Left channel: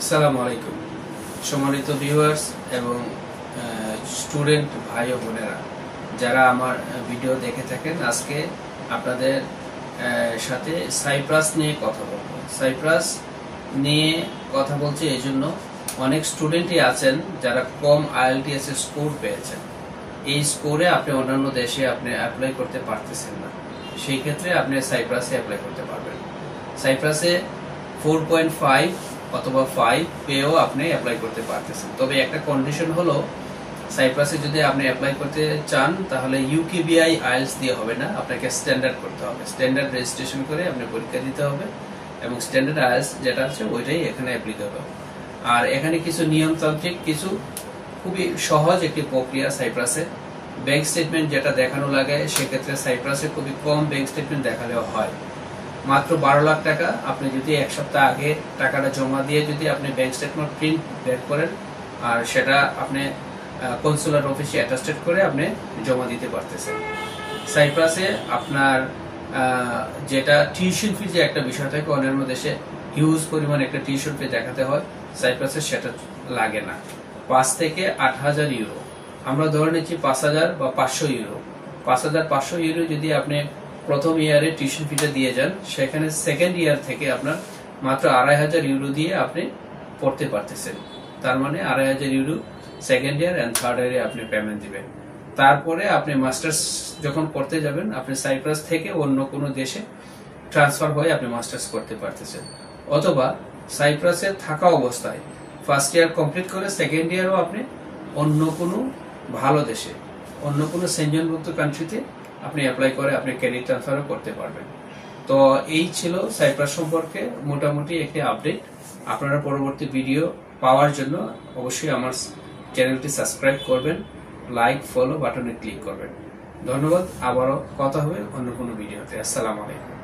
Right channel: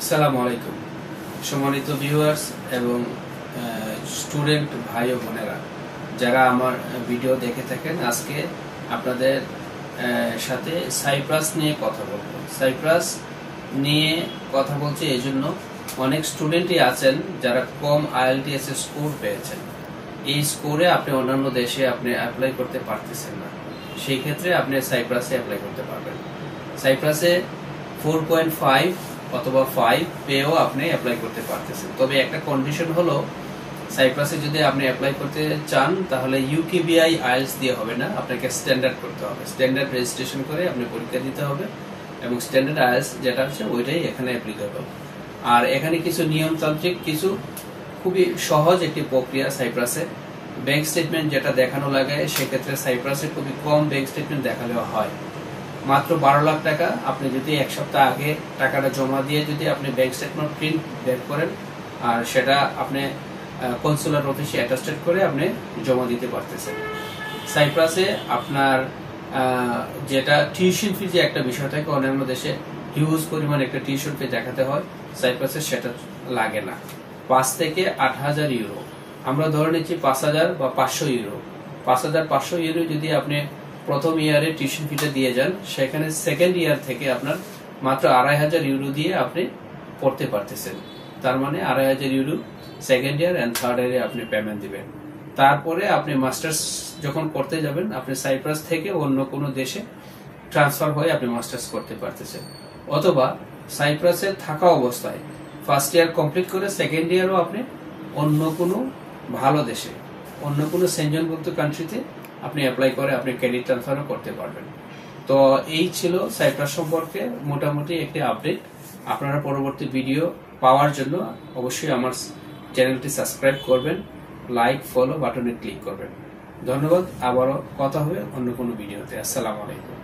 আসসালামু আলাইকুম সম্মানিত ভিউয়ার্স এবং স্টুডেন্ট ভাই ও বোনেরা যারা আমার ভিডিও দেখে থাকেন, আজকে আপনাদের সাথে সাইপ্রাস নিয়ে কথা বলবো। সাইপ্রাস নিয়ে কথা বলছি এই জন্য, অনেক স্টুডেন্টই আছেন যারা কম IELTS এর স্কোর পেয়েছেন। এই স্কোরে আপনি অন্যান্য দেশে আপনি অ্যাপ্লাই করতে পারতেছেন না, সেই ক্ষেত্রে আপনি সাইপ্রাসে অ্যাপ্লাই করতে পারবেন। সাইপ্রাসে 4.5 অথবা 5 পেয়েও আপনি অ্যাপ্লাই করতে পারতেছেন। তবে একটা কন্ডিশন হলো, সাইপ্রাসে যদি আপনি অ্যাপ্লাই করতে চান তাহলে UKVI IELTS দিয়ে হবে না, আপনাকে স্ট্যান্ডার্ড করতে হবে। স্ট্যান্ডার্ড রেজিস্ট্রেশন করে আপনি পরীক্ষা দিতে হবে এবং স্ট্যান্ডার্ড IELTS যেটা আছে ওইটাই এখানে অ্যাপ্লিকেবল। আর এখানে কিছু নিয়মতান্ত্রিক, কিছু খুবই সহজ একটি প্রক্রিয়া সাইপ্রাসে। ব্যাংক স্টেটমেন্ট যেটা দেখানো লাগে, সেক্ষেত্রে সাইপ্রাসে খুবই কম ব্যাংক স্টেটমেন্ট দেখালেও হয়। মাত্র 12 লাখ টাকা আপনি যদি এক সপ্তাহ আগে টাকাটা জমা দিয়ে যদি আপনি ব্যাংক স্টেটমেন্ট প্রিন্ট বের করেন আর সেটা আপনি কনসুলার অফিসে অ্যাটাস্টেড করে আপনি জমা দিতে পারতেছেন। সাইপ্রাসে আপনার যেটা টিউশন ফি যে একটা বিষয় থাকে, অন্যান্য দেশে হিউজ পরিমাণ একটা টিউশন ফি দেখাতে হয়, সাইপ্রাসে সেটা লাগে না। 5 থেকে 8,000 ইউরো, আমরা ধরে নিচ্ছি 5,000 বা 500 ইউরো। 5,500 ইউরো যদি আপনি প্রথম ইয়ারে টিউশন ফিটা দিয়ে যান, সেখানে সেকেন্ড ইয়ার থেকে আপনার মাত্র 2,500 ইউরো দিয়ে আপনি পড়তে পারতেছেন। তার মানে 2,500 euro second year and third ইয়ারে আপনি পেমেন্ট দিবেন। তারপরে আপনি মাস্টার্স যখন করতে যাবেন, আপনি সাইপ্রাস থেকে অন্য কোনো দেশে ট্রান্সফার হয়ে আপনি মাস্টার্স করতে পারতেছেন। অথবা সাইপ্রাসে থাকা অবস্থায় ফার্স্ট ইয়ার কমপ্লিট করে সেকেন্ড ইয়ারও আপনি অন্য কোনো ভালো দেশে, অন্য কোনো সেনজনভুক্ত কান্ট্রিতে আপনি অ্যাপ্লাই করে আপনি ক্রেডিট ট্রান্সফারও করতে পারবেন। তো এই ছিল সাইপ্রাস সম্পর্কে মোটামুটি একটি আপডেট। আপনারা পরবর্তী ভিডিও পাওয়ার জন্য অবশ্যই আমার চ্যানেলটি সাবস্ক্রাইব করবেন, লাইক ফলো বাটনে ক্লিক করবেন। ধন্যবাদ। আবারও কথা হবে অন্য কোনো ভিডিওতে। আসসালামু আলাইকুম।